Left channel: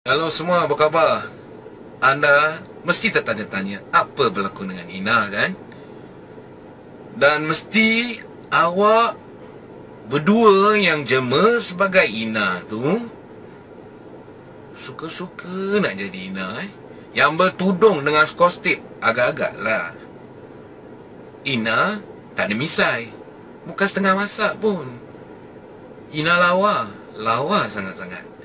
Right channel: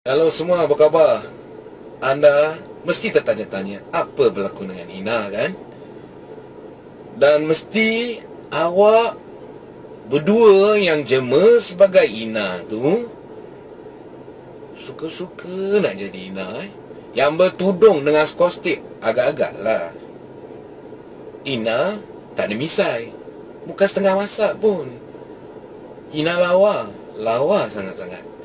Halo semua, apa khabar? Anda mesti tertanya-tanya apa berlaku dengan Ina kan? Dan mesti awak berdua yang jema sebagai Ina tu suka-suka nak jadi Ina eh? Yang bertudung dengan skostip agak-agak lah. Ina tak ada misai. Bukan setengah masak pun. Ina lawa. Lawa sangat-sangat.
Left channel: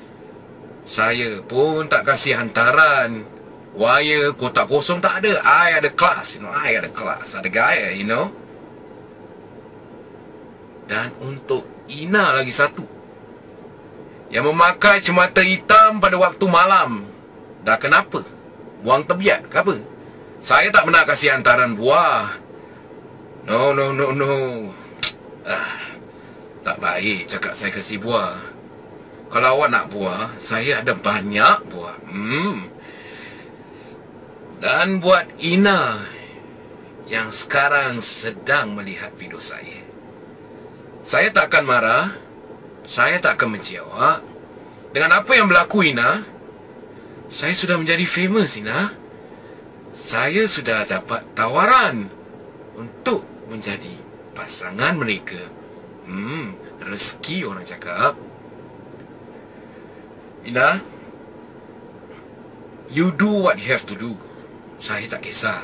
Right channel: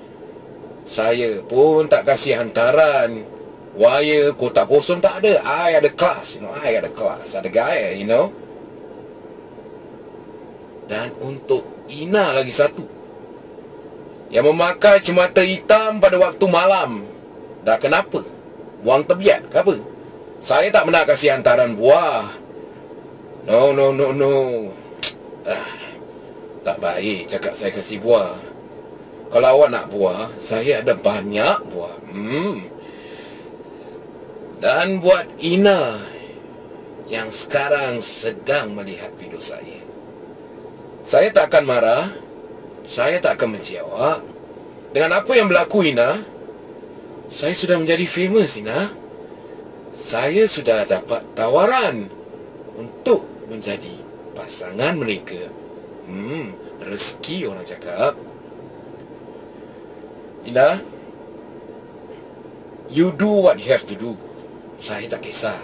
Saya pun tak kasih hantaran. Wire, kotak kosong tak ada. I ada kelas. You know, I ada kelas. Ada gaya, you know. Dan untuk Ina lagi satu. Yang memakai cemata hitam pada waktu malam. Dah kenapa? buang tebiat ke apa? Saya tak pernah kasih hantaran buah. No, no, no, no. Ah, tak baik cakap saya kasih buah. Kalau awak nak buah, saya ada banyak buah. Hmm. Dan buat Ina yang sekarang sedang melihat video saya. Saya tak akan marah. Saya tak akan benci awak. Dengan apa yang berlaku Ina, saya sudah menjadi famous, Ina. Saya sudah dapat tawaran untuk menjadi pasangan mereka. Hmm, rezeki orang cakap. Ina, you do what you have to do. Saya tak kisah.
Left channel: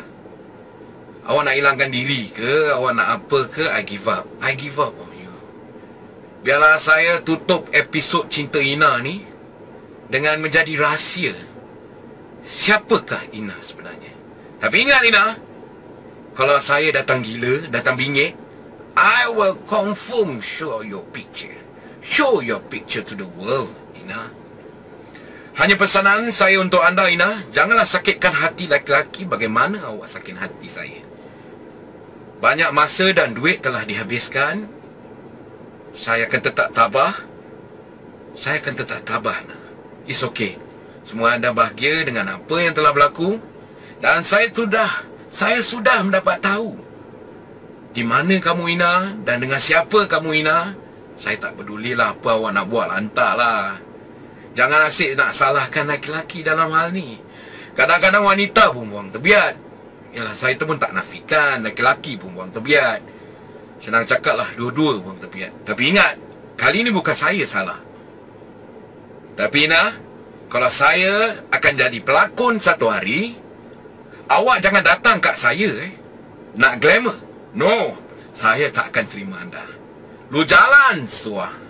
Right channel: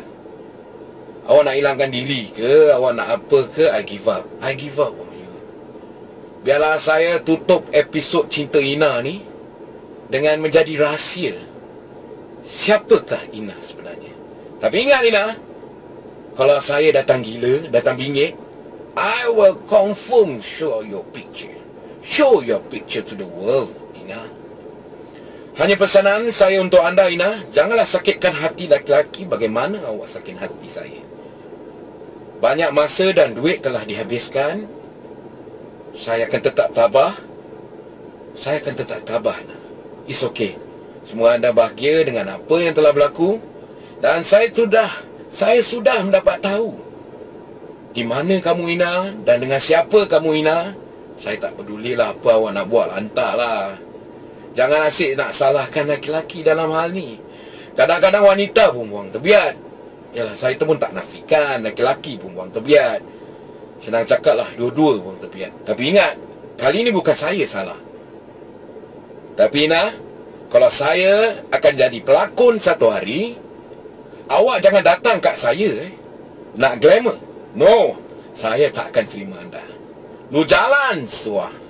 Awak nak hilangkan diri ke, awak nak apa ke, I give up. I give up on you. Biarlah saya tutup episod Cinta Ina ni dengan menjadi rahsia siapakah Ina sebenarnya. Tapi ingat Ina, kalau saya datang gila, datang bingit, I will confirm show your picture. Show your picture to the world, Ina. Hanya pesanan saya untuk anda, Ina, janganlah sakitkan hati laki-laki bagaimana awak sakit hati saya. Banyak masa dan duit telah dihabiskan. Saya akan tetap tabah. Saya akan tetap tabah. It's okay. Semua anda bahagia dengan apa yang telah berlaku dan saya sudah saya sudah mendapat tahu di mana kamu Ina dan dengan siapa kamu Ina. Saya tak pedulilah apa awak nak buat lantaklah. Jangan asyik nak salahkan laki-laki dalam hal ni. Kadang-kadang wanita pun buang tebiat. Yalah saya tu pun tak nafikan laki-laki pun buang tebiat. Senang cakaplah dua-dua buang tebiat. Tapi ingat, kali ni bukan saya salah. Tapi Ina, kalau saya akan jadi pelakon satu hari, awak jangan datang kat saya eh. Nak glamour? No, saya tak akan terima anda. Lu jalan, suah.